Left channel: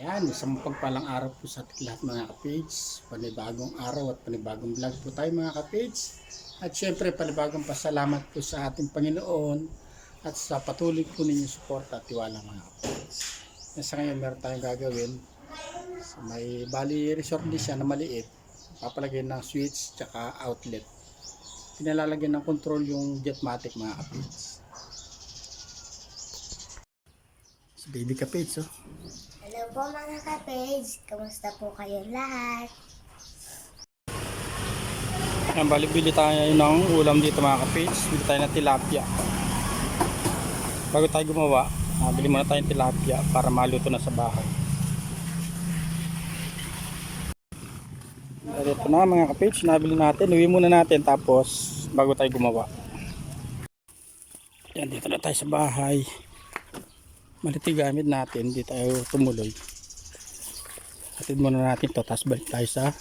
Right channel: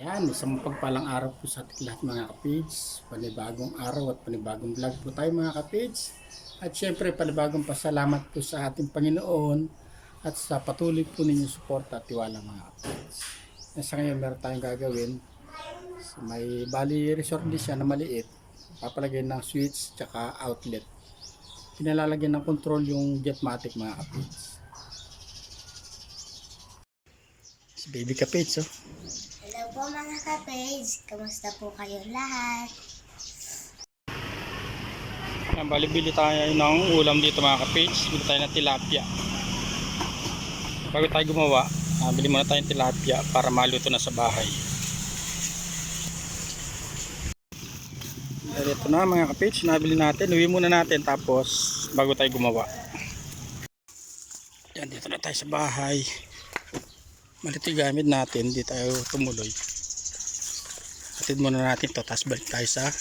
Yan, isang pagpalang araw po sa ating lahat mga kapage. Panibagong araw at panibagong vlog po tayo mga kapage. At syempre panibagong pasalamat po sa ating Panginoon at sa patuloy po ninyong suporta at tiwala mga kapage. Sa ngayon meron tayong gagawin. So, may bali resort din siya na maliit. Papalagay ng switch tsaka outlet. Pinalalagyan ng control yung Jetmatic mga kapage. Si baby kapage oh. Hello po mga ka-page, kamusta po kayo lahat? Ayan, bali-bili tayo ng ulam dito mga kapage. Bili tayo ng tilapia. Bago tayo gumawa, bili muna tayong tilapia para maluto na sa bahay. Ito na mga kapage, nabili natin. Uwi muna natin tapos bago tayo gumawa. Ayan, dito na tayo sa bahay. Malito yung gamit natin, di tayo tumuloy. Atid muna natin to, tapos balik tayo sa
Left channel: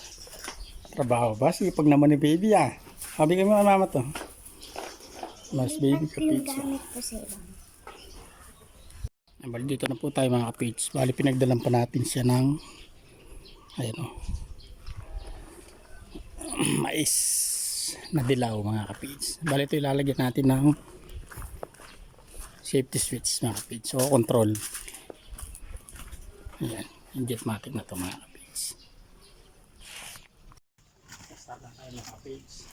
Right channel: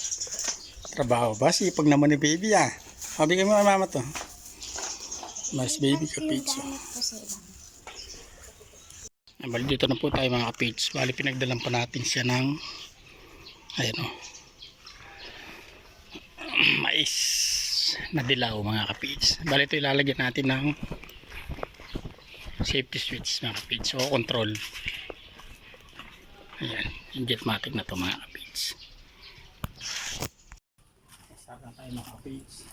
trabaho. Basi, pag naman ni baby Bigay mo na mama to. Mas baby kapage. Bali dito na po tayo mga kapage. Bali pinagdalan pa natin siya ng ayan mais na dilaw mga kapage. Bali ito ilalagyan natin ng safety switch mga kapage o control. Ayan, yung Jetmatic na to mga kapage. Start na tayo mga kapage.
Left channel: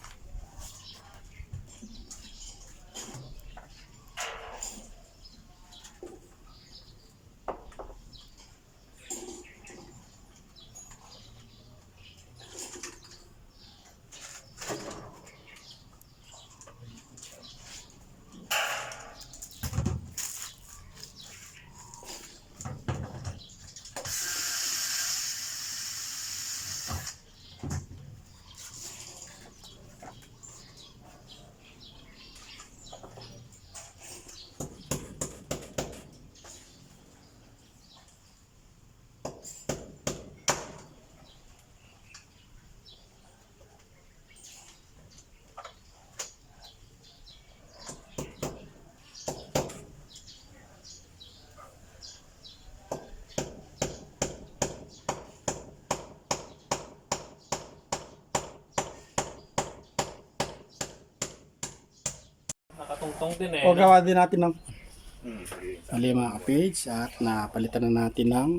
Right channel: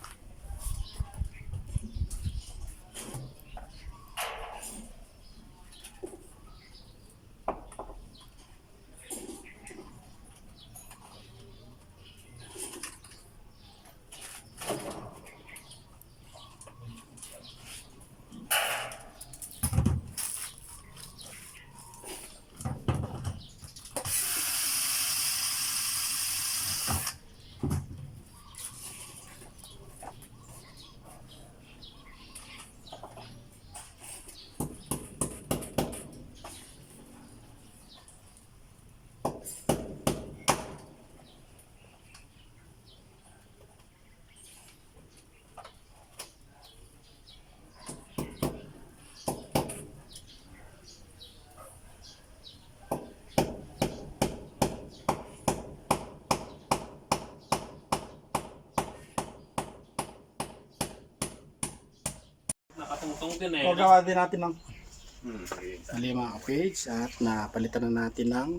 Nakatungtong din eh. O gawa din natin ng mali mga kapage at napalitan na natin ng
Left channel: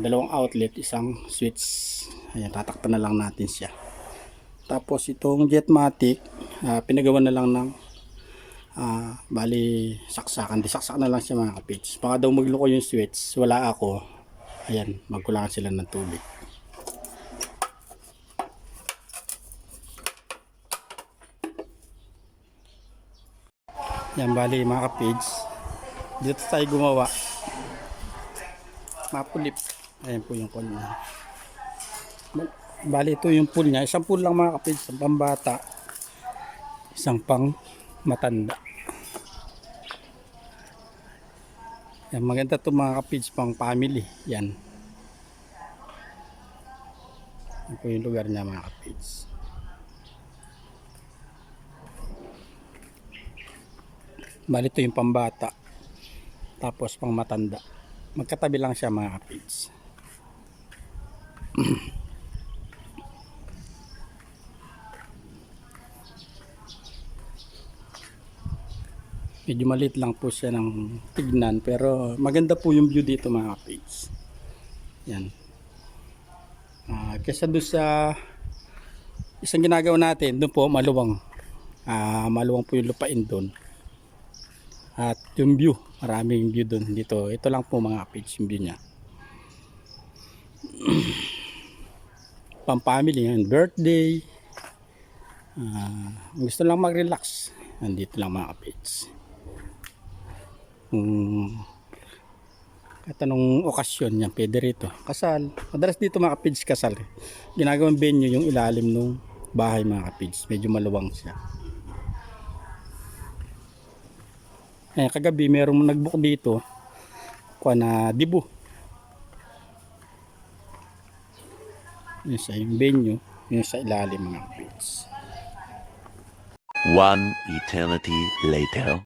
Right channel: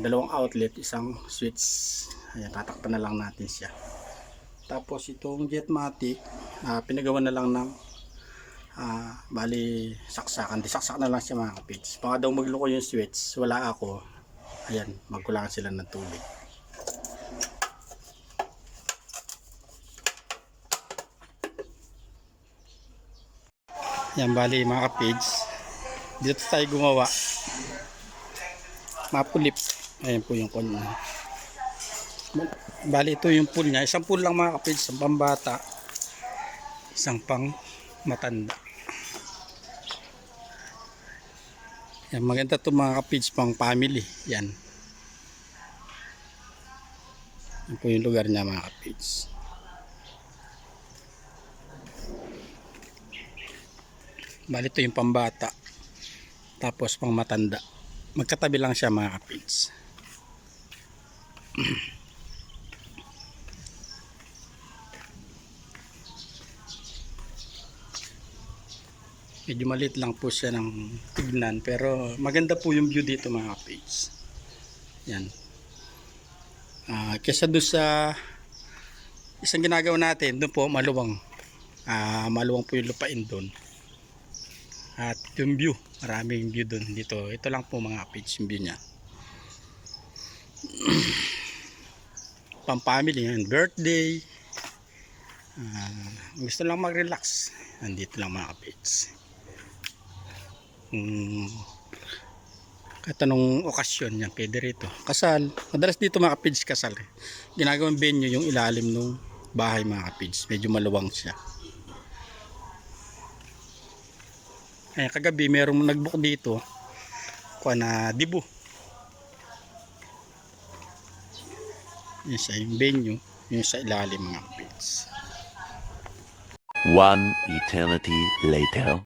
dalawang outlet, isang switch. Ayan, tatakpan na lang natin siya. Tapos itong Jetmatic, pinagawa na lang ng bali saksakan. Disaksak na lang siya mga kapage. Baka daw magloko yung switch, wala ako. Ayan, magkulangan sila ng tubig. Yan bali mga kapage, dito tayo gumawa mapulip. Ayan po yung pool niya. Bali ito yung pool niya, isang pool lang mga kapage, isang pambata, isang pang matanda. Yan, maganda to mga kapage, pang family. Yan po yung lugar niya mga kapage. Bali ito yung pambata tapos pang matanda, magkatabi lang siya mga kapage. Medyo maliit lang po siya ng tignan pero maganda po yung view dito mga kapage. Yan, kesa doon sa isang ginagawa natin doon po maluwang, maluwang po yung lupain doon. At yung view, maraming view doon. Dito, ito lang po mga kapage yung view nya. Pang family yan, birthday, gusto lang mag relax, andito lang mga kapage. Kahit anong okasyon yan pwede rito. Kasal, madalas dito mga kapage kasal ginagawang venue yung ilalim ng bahay mga kapage, medyo maluwang siya. Ayan, kagabi merong nagbook dito kuha na dibu. Yung sa yung venue, yung sa ilalim mga kapage. One eternity later.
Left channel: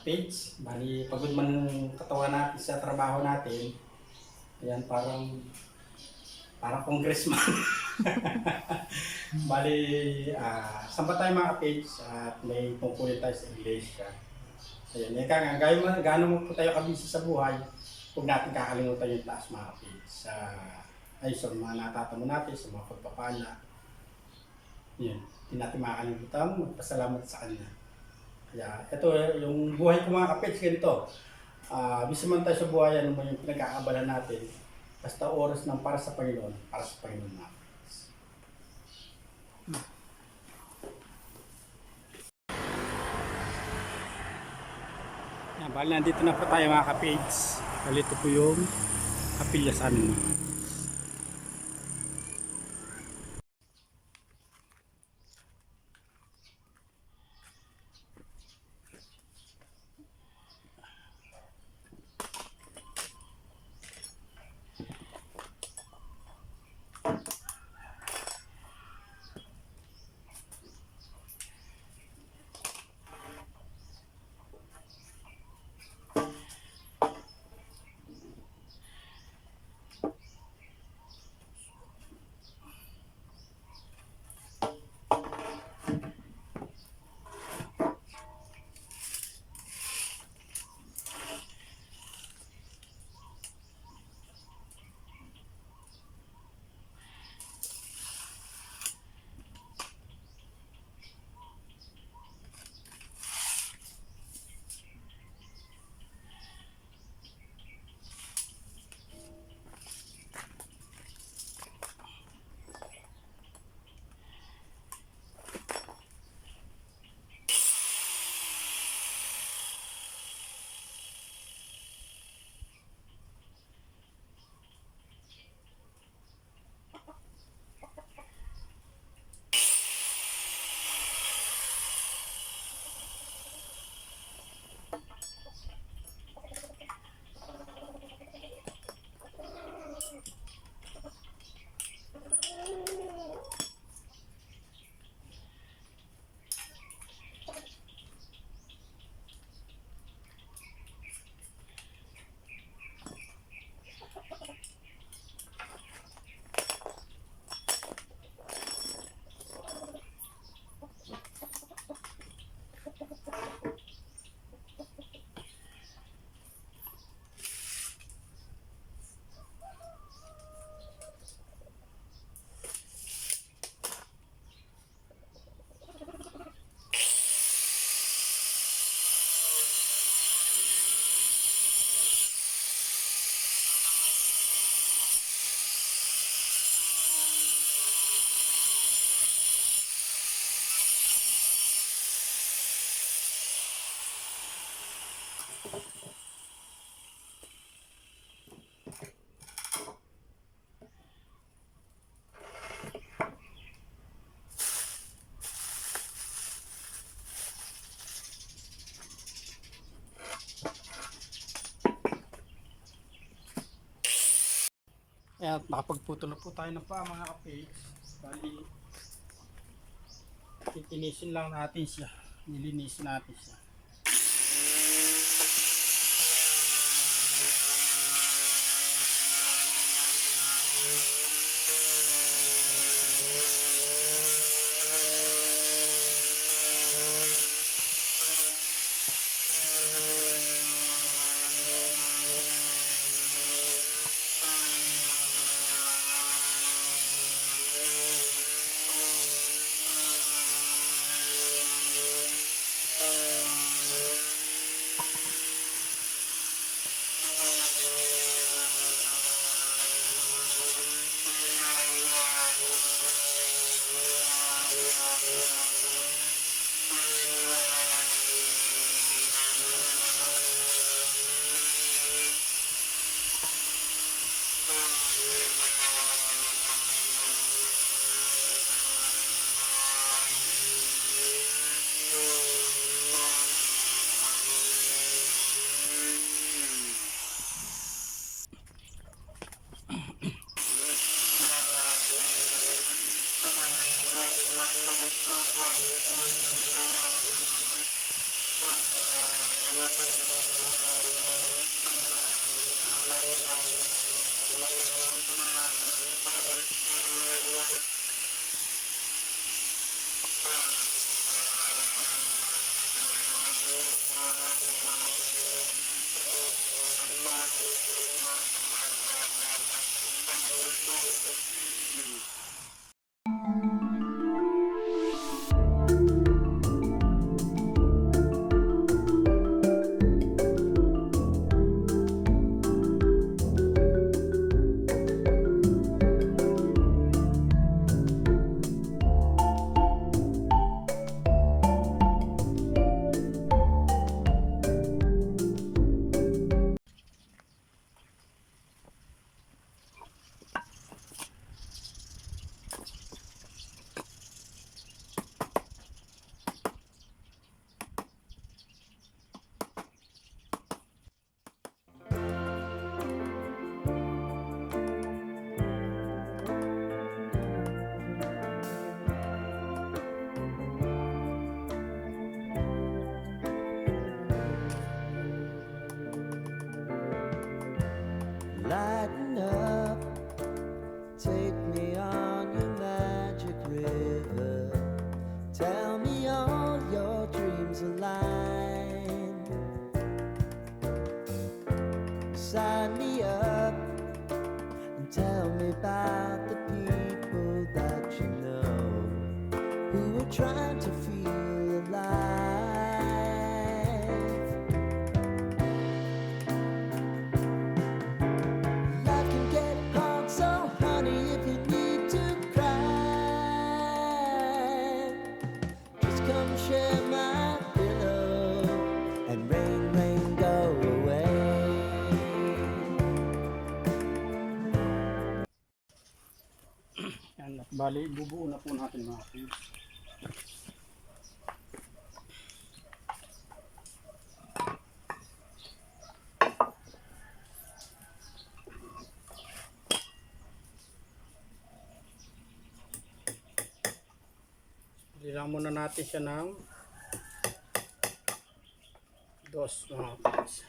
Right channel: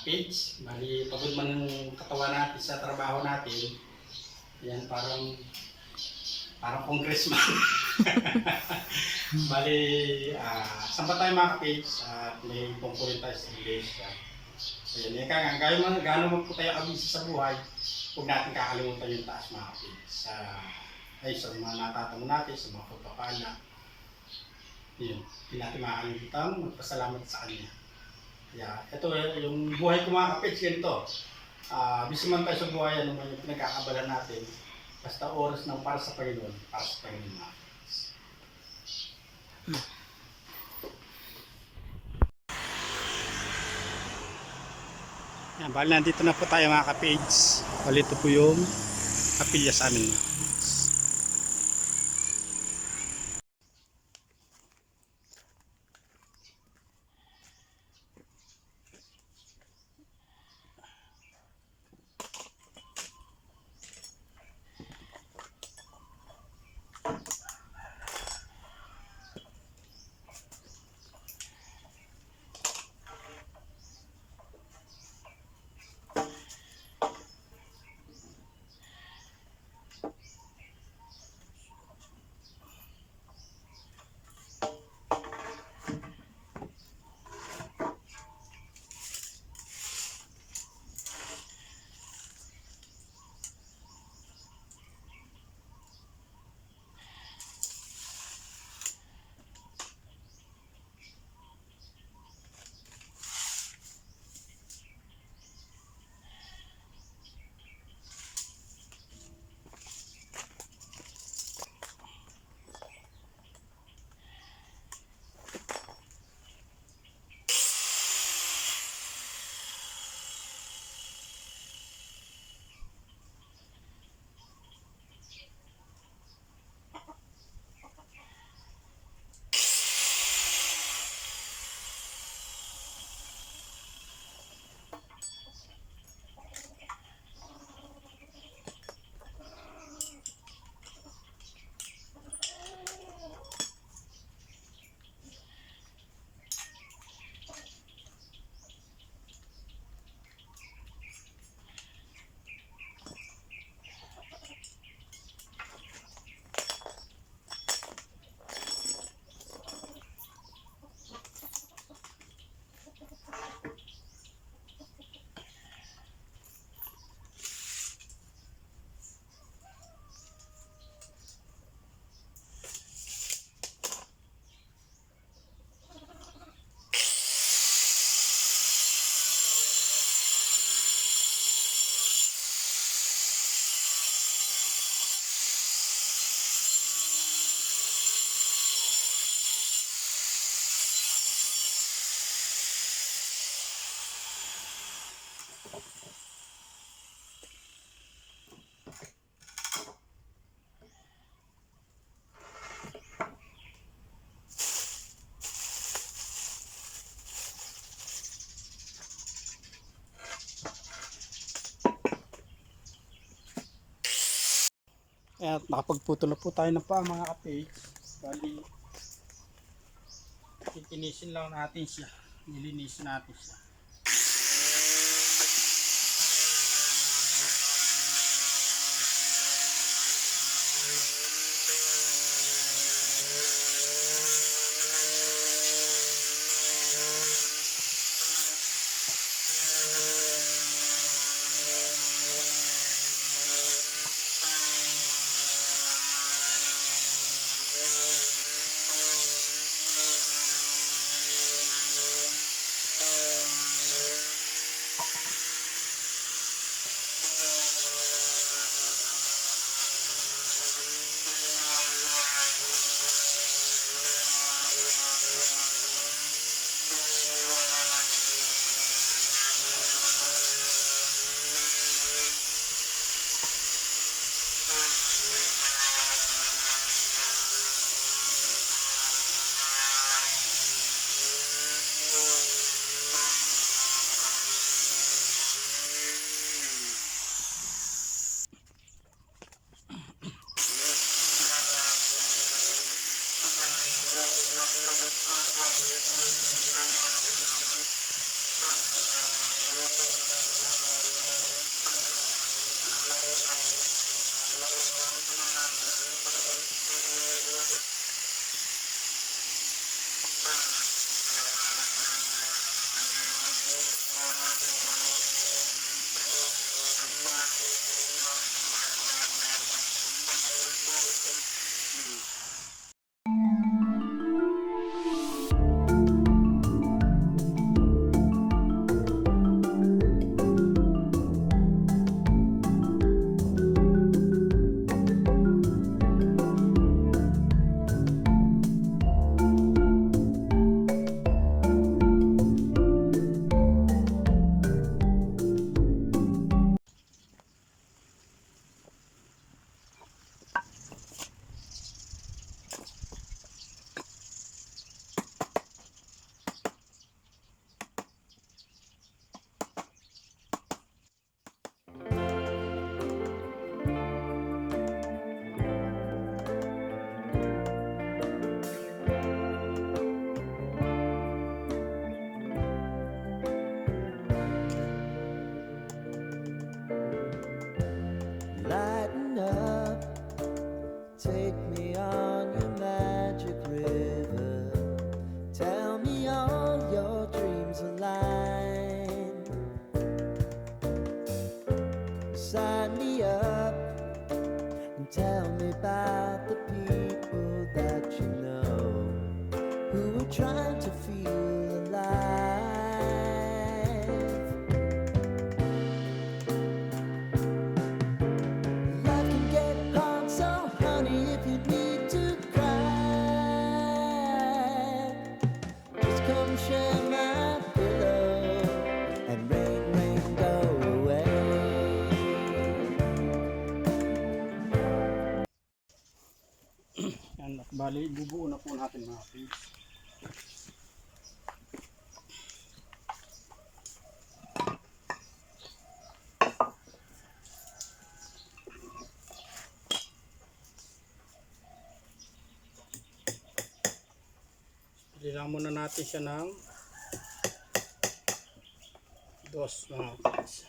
kapage. Bali, pagod man ng katawan natin sa trabaho natin. Ayan, parang congressman. Bali, saan ba tayo mga kapage? At may tungkulin tayo sa English. Ayan, gaya man, gaano mo po tayo kabisi sa buhay, huwag natin kakalimutan yung taas mga kapage. Ay, sa mga natatamo natin, sa mga pagpapala. Yun, hindi natin makakalimutan, magpasalamat sa Kanya. Kaya, ito yung buhay ko mga kapage, ganito. Bisa man tayo sa buhay, ano man yung pinag-aabala natin, basta oras ng para sa Panginoon mga kapage. Yan, bali nandito na po tayo mga kapage. Bali ito po yung kapilya sa amin mga kapage. At nakapagputo na po tayo ng paa mga kapage. Bali, titinisin lang natin siya. Nilinisin natin siya. stars align. Sign me up and tell me about the people that you know who are trying to feel alive. Life can get hard, so honey, if you need to cry, just come share my pillow and rain, rain, go away. Yan, at bali, bubuo na po natin mga kapage. Pili lang muna natin siya ng dos mga kapage.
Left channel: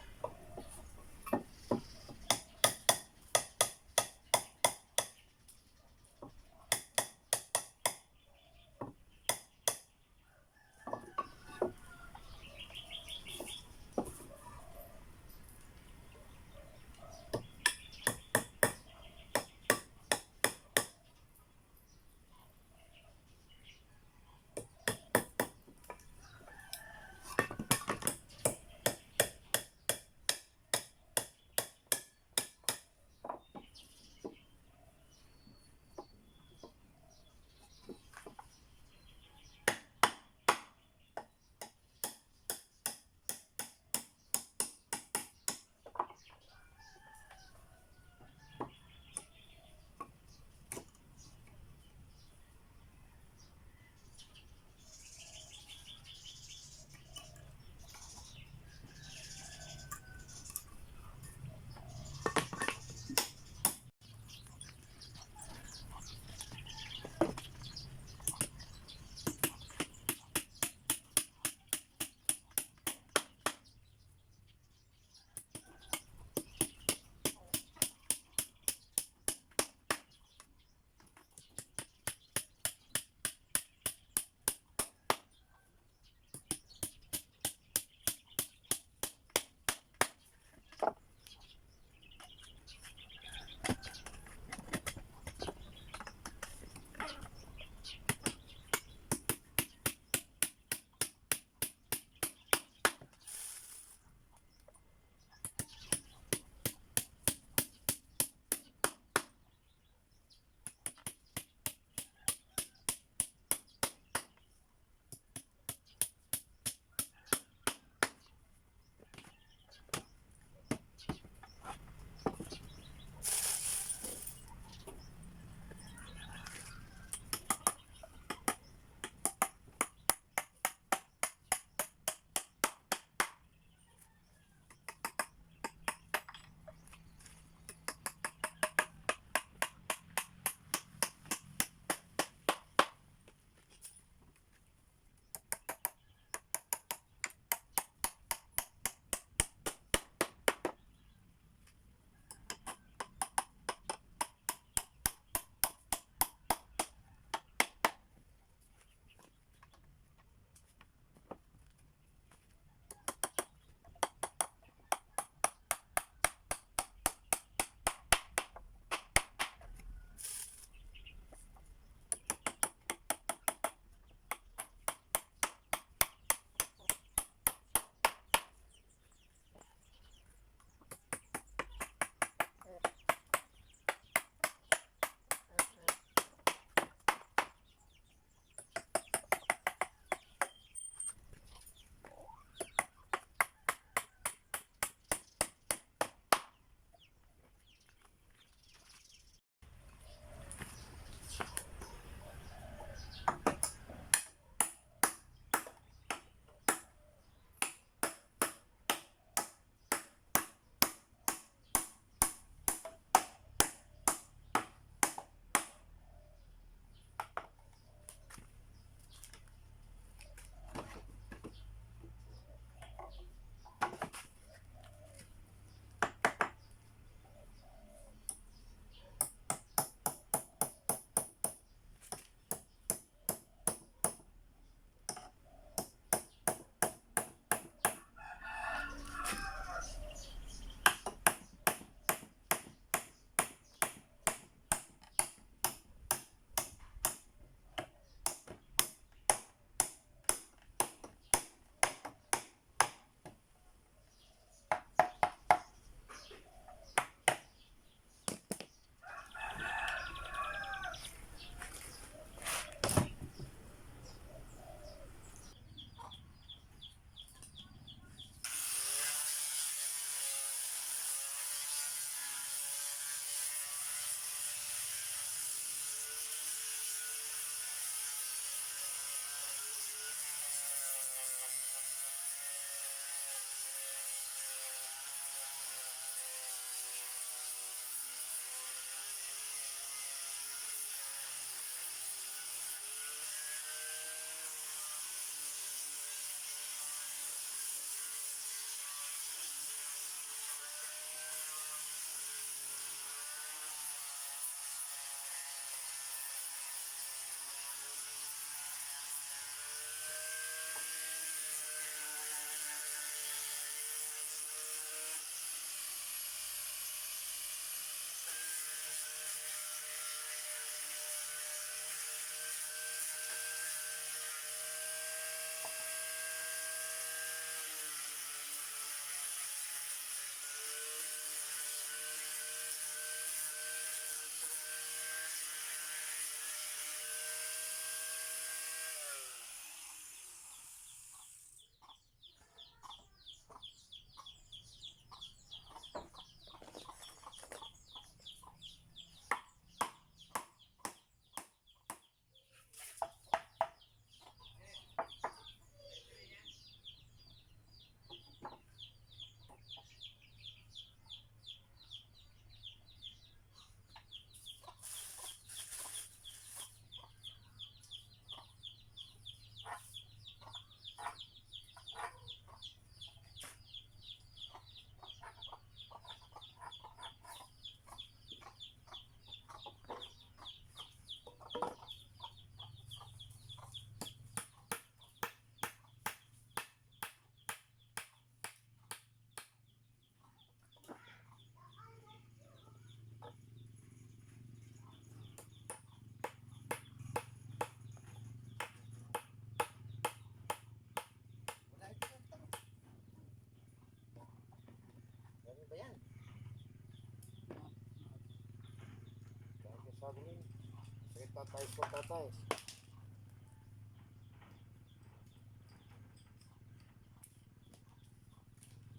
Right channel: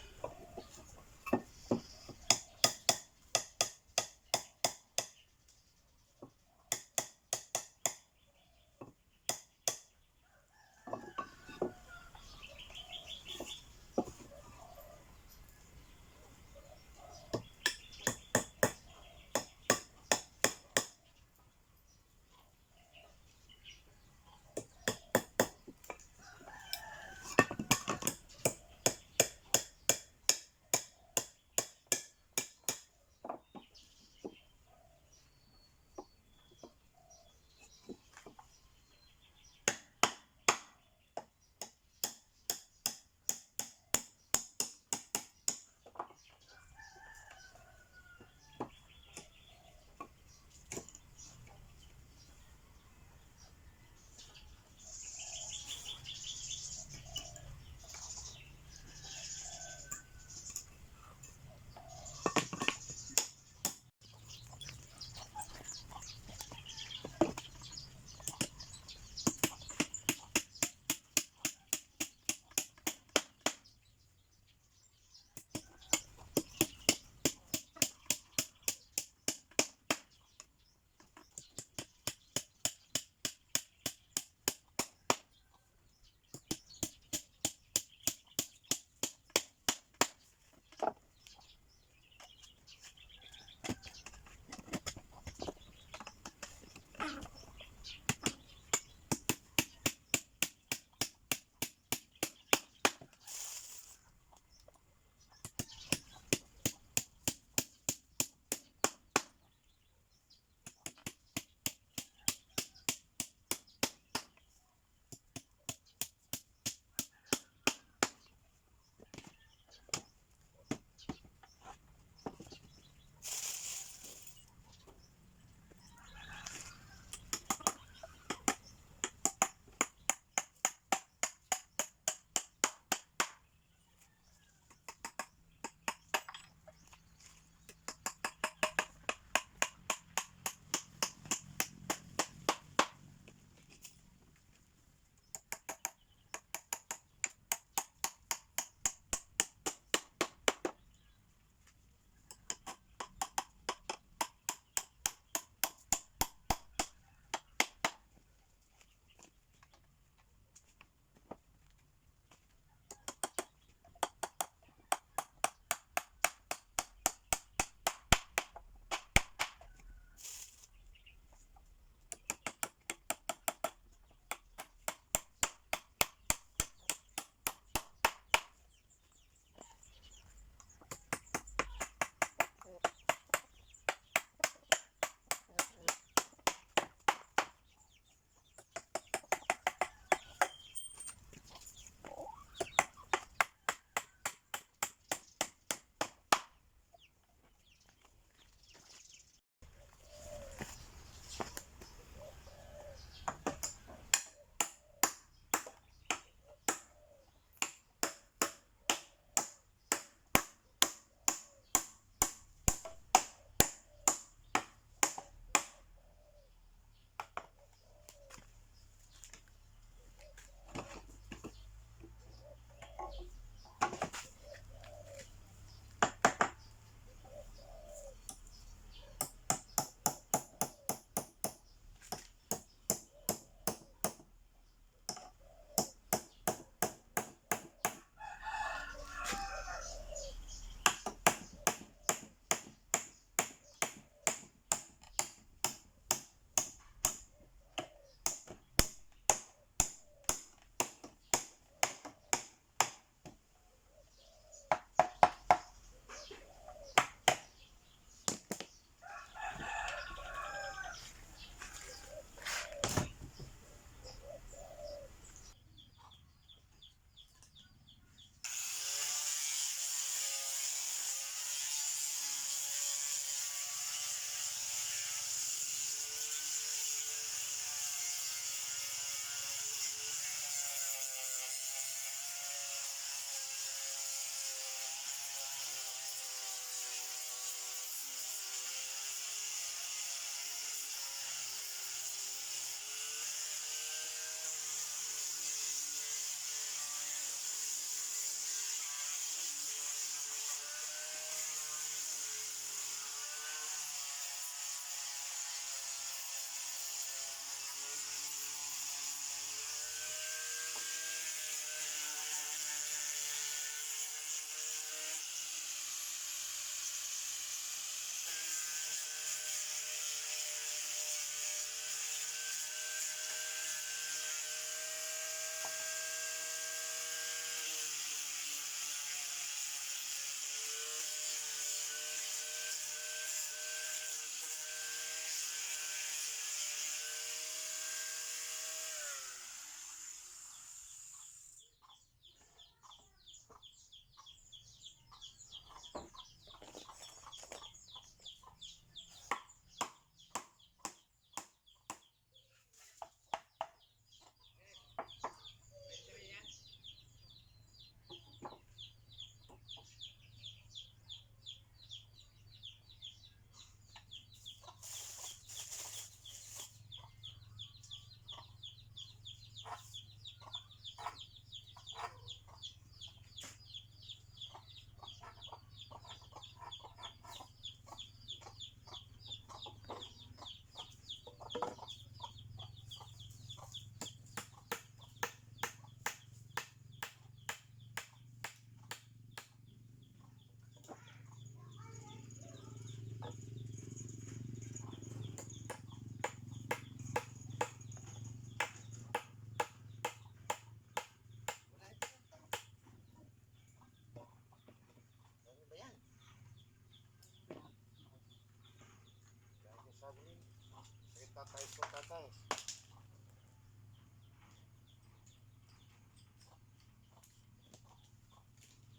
Sakit tatay ko, tatay.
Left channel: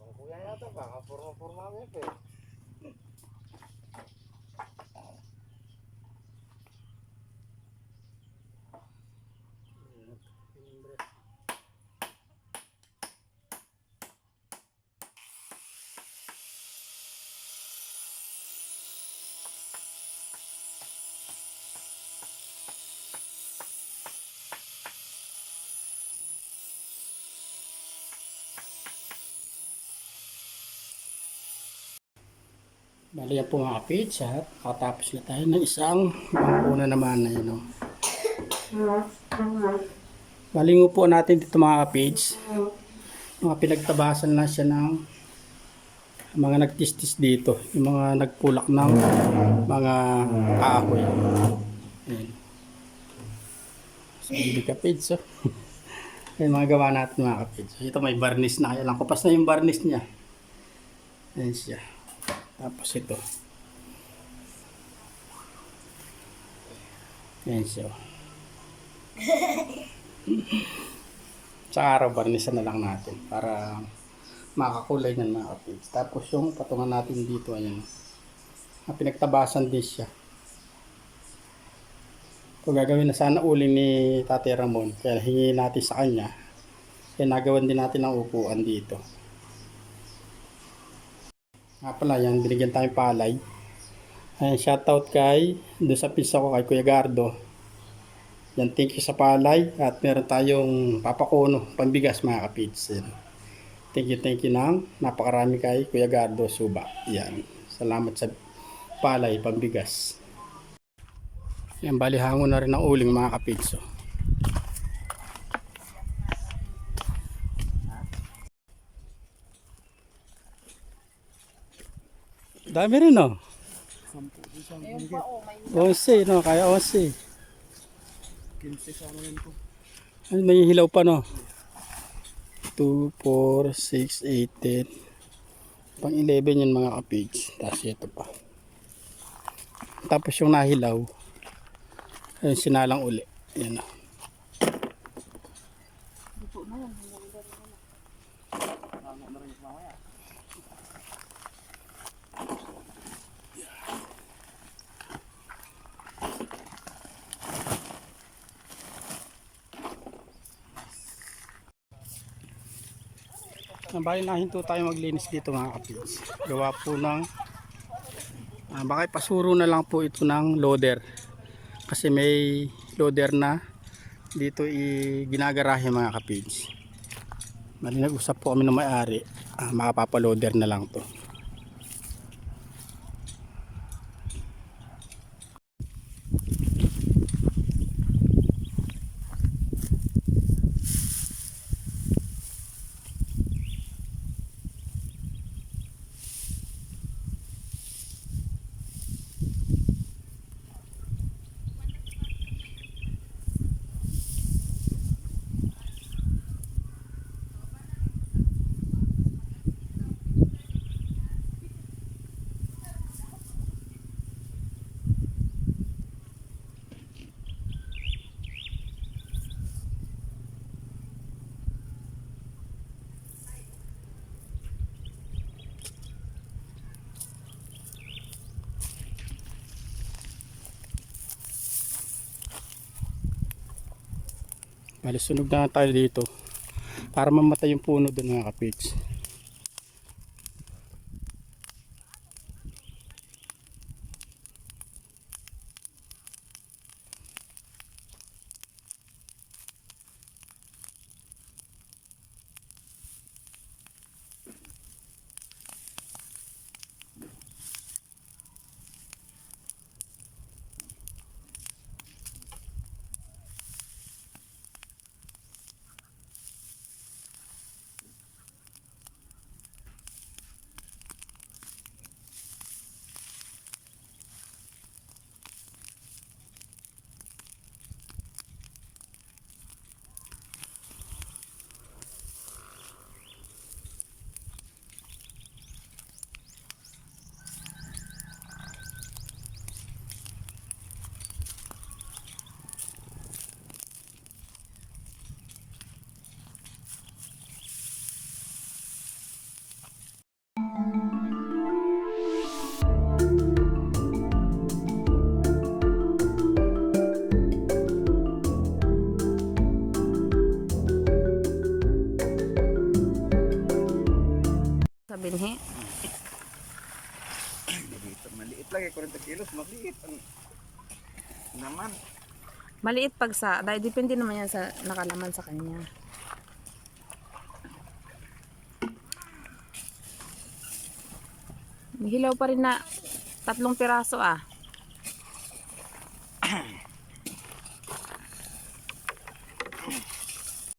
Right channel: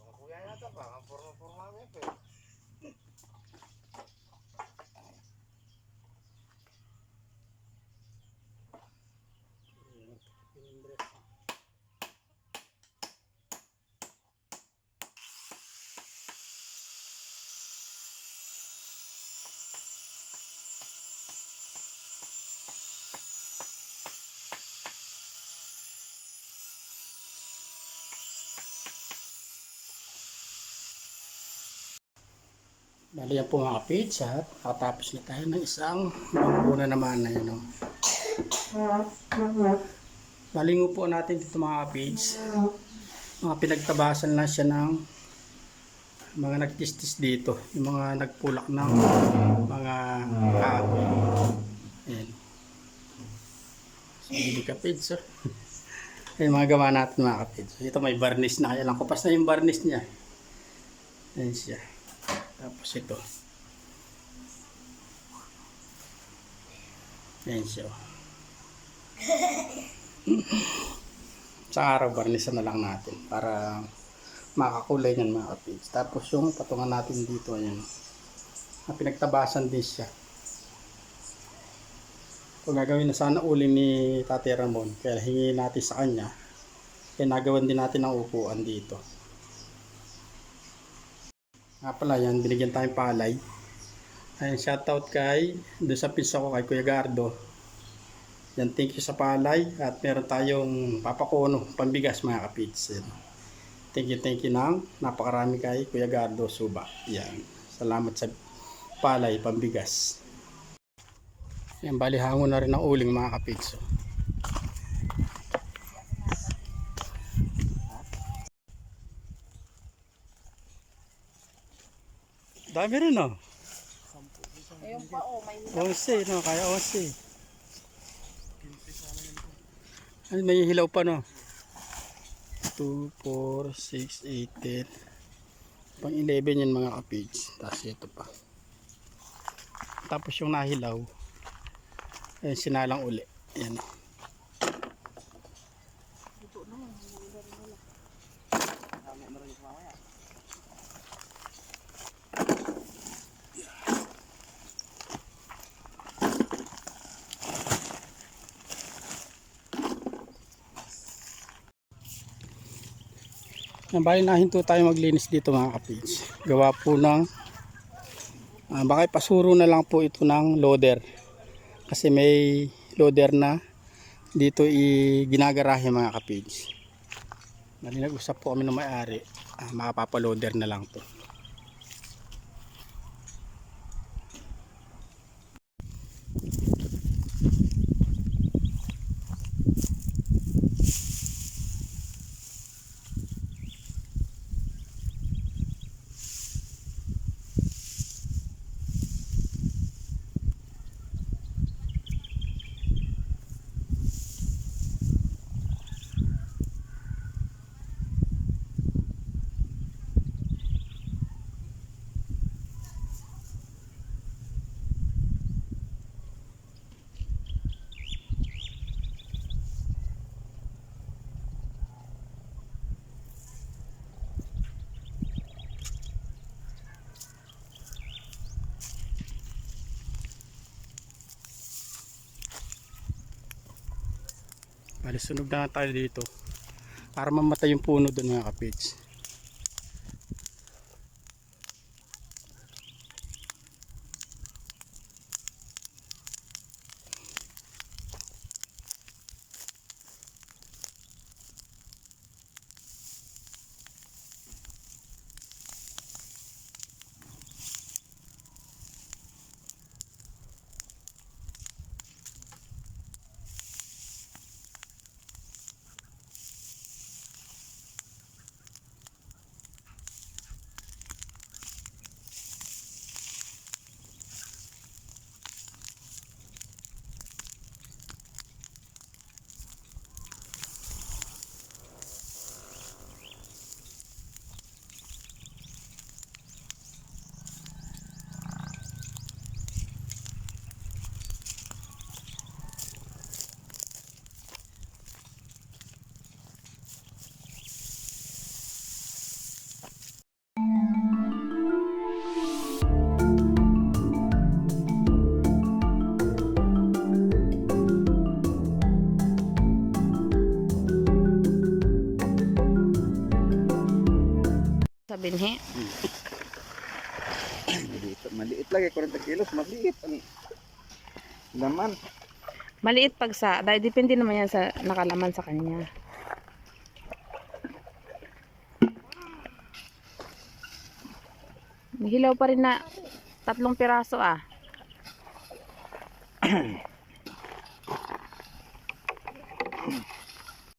Ang kuya yata ba? Ang forma-forma mo pa eh. Bali yan po mga kapits at nakatapos na tayo ng isang bangkuna naman na yun. Bali po natin dito mga kapits. Mga pinagtabasan lang siya ng mga nagtistis dito. Yung mga nagpulak ng mga kahoy. Ayan. So, hindi kapits. Oh. Ayan mga gawa natin mga kapits. Ito may varnish na. Kaya lang kupas na yung varnish niya. Ayan siya. Tapos ito. Ayan siya. Sa araw, barnisan na lang natin para makakulay yan mga kapits. Tapos yung patungan natin dito, ayan. Pinagtabasan din siya. Kung gagawin na sana uli ni Tate Ramon, kaya hingi natin sa kanya. Kaya nagawan din natin ang upuan dito. Nga pala yan, binigyan tayong palay. Ayan, shoutout kay, doon sa pizza ko kay Kuya Gardo. Yan, thank you sa palay. At meron tayong papakono, pambigas mga kapits. Thank you ng napakarami kay Kuya Gardo Suba. Yan, salamat sa palay, pambigas. Yan, bali hango na rin ang uling mga kapits. Dami rin, no? Ayun pa, oh, may 11, no? Kaya 11. Ano, may hilaw pa, no? 2, 4, 6, 8, 10. Pang 11 yan mga kapits. Tapos ito pa. Tapos yung nahilaw, ayun, sinalang uli. Ayan, no? Bali nahinto tayo maglinis dito mga kapits. Gawa po ng baka ipasuro na lang po ito ng loader. Kasi may loader na dito ginagarahe mga kapits. Bali nag-usap po kami ng may-ari. Makapapaloader na lang to. Bali sunog na tayo dito para mamatay yung puno doon mga kapits. binhi. Maliit lagi, 40 kilos, maliit. Ang laman. Maliit pag sa, dahil depende naman yan sa nakalaman sa kanya. May hilaw pa rin na 3 piraso ah.